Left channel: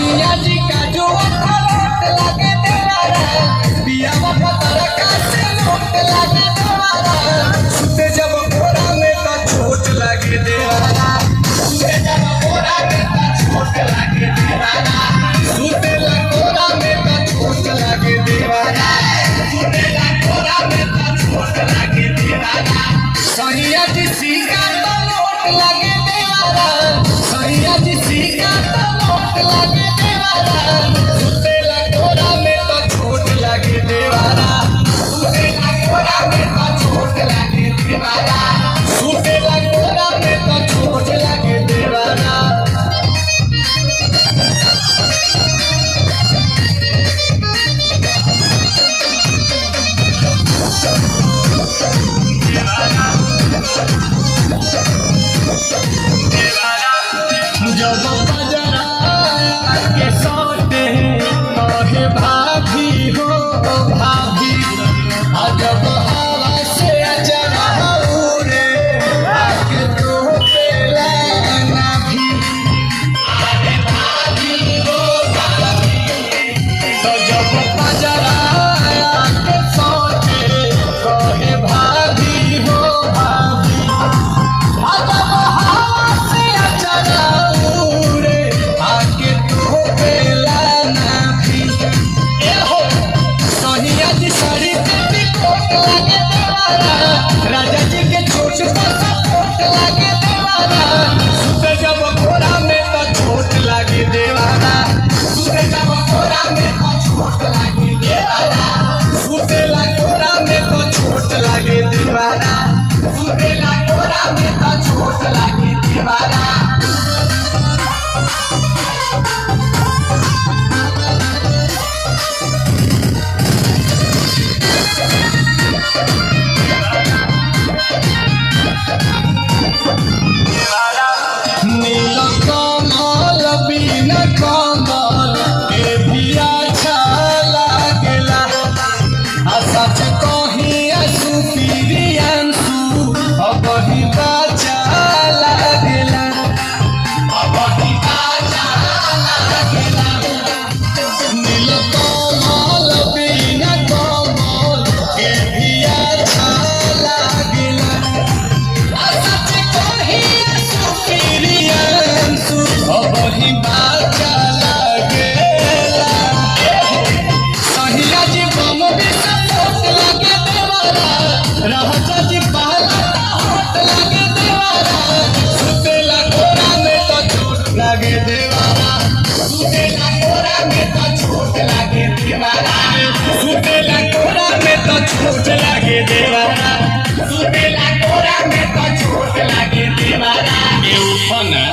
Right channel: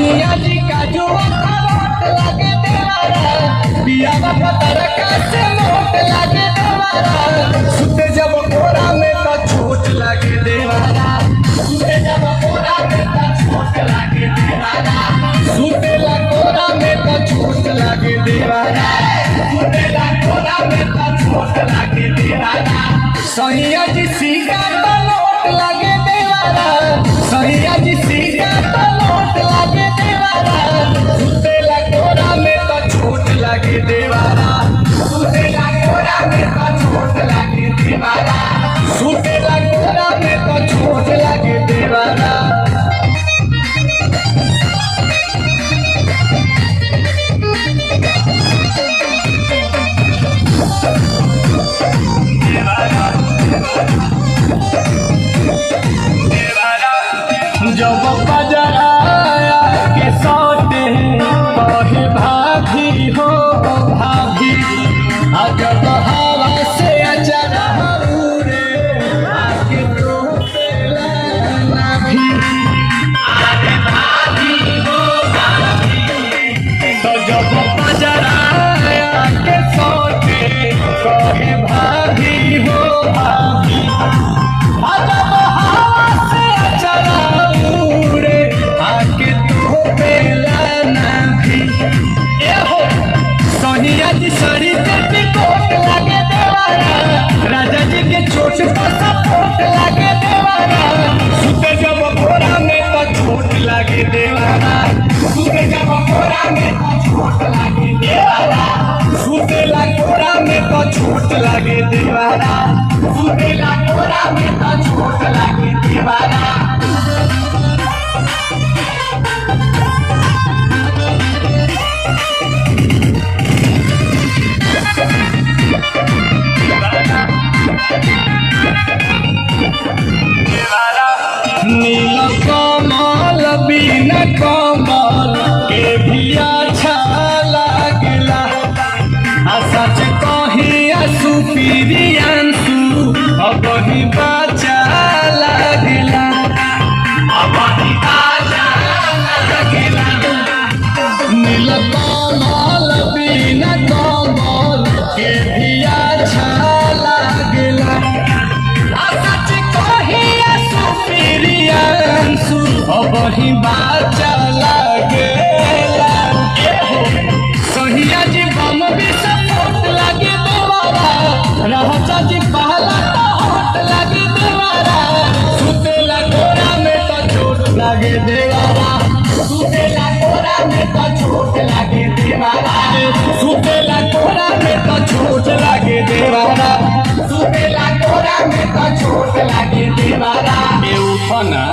सोनिया जी का जो अखरोट लगे देवारा पिया पतर का से नोट लगे देवारा सुते जब कोरा में तो छोट लगे देवारा सुते जब कोरा में तो छोट लगे देवारा सुते ला कोरा में तो छोट लगे देवारा सुते ला कोरा में तो छोट लगे देवारा सोनिया जी सीका तो नोट लगे देवारा सोनिया जी सीका तो नोट लगे देवारा सुते ला कोरा में तो छोट लगे देवारा सुते ला कोरा में तो छोट लगे देवारा सुते ला कोरा में तो छोट लगे देवारा जब बजराया के सोते कहे भाभी हो भाभी जब हवा से अचरा उड़े आके तो पेला भी अरे भाभी हो भाभी तो जब बजराया के सोते कहे भाभी हो भाभी राजा जी के छोट का सपोर्ट लगे देवारा सुते जब कोरा में तो छोट लगे देवारा सुते जब कोरा में तो छोट लगे देवारा सुते ला कोरा में तो छोट लगे देवारा सुते ला कोरा में तो छोट लगे देवारा नील कमल बिन कमल के भी अच्छा लगला सच कही सुपीरियंसु अब ही बचा लगला अब ही बचा लगला नील कमल बिन कमल के भी अच्छा लगला सच कही अब ही बाचा लगेला सोनिया जी बम भी सपोर्ट लगे देवारा राजा जी पहला तो हट लगे देवारा सुते ला कोरा में तो छोट लगे देवारा सुते ला कोरा में तो छोट लगे देवारा सुते ला कोरा में तो छोट लगे देवारा सुते ला कोरा में तो छोट लगे देवारा ये उठना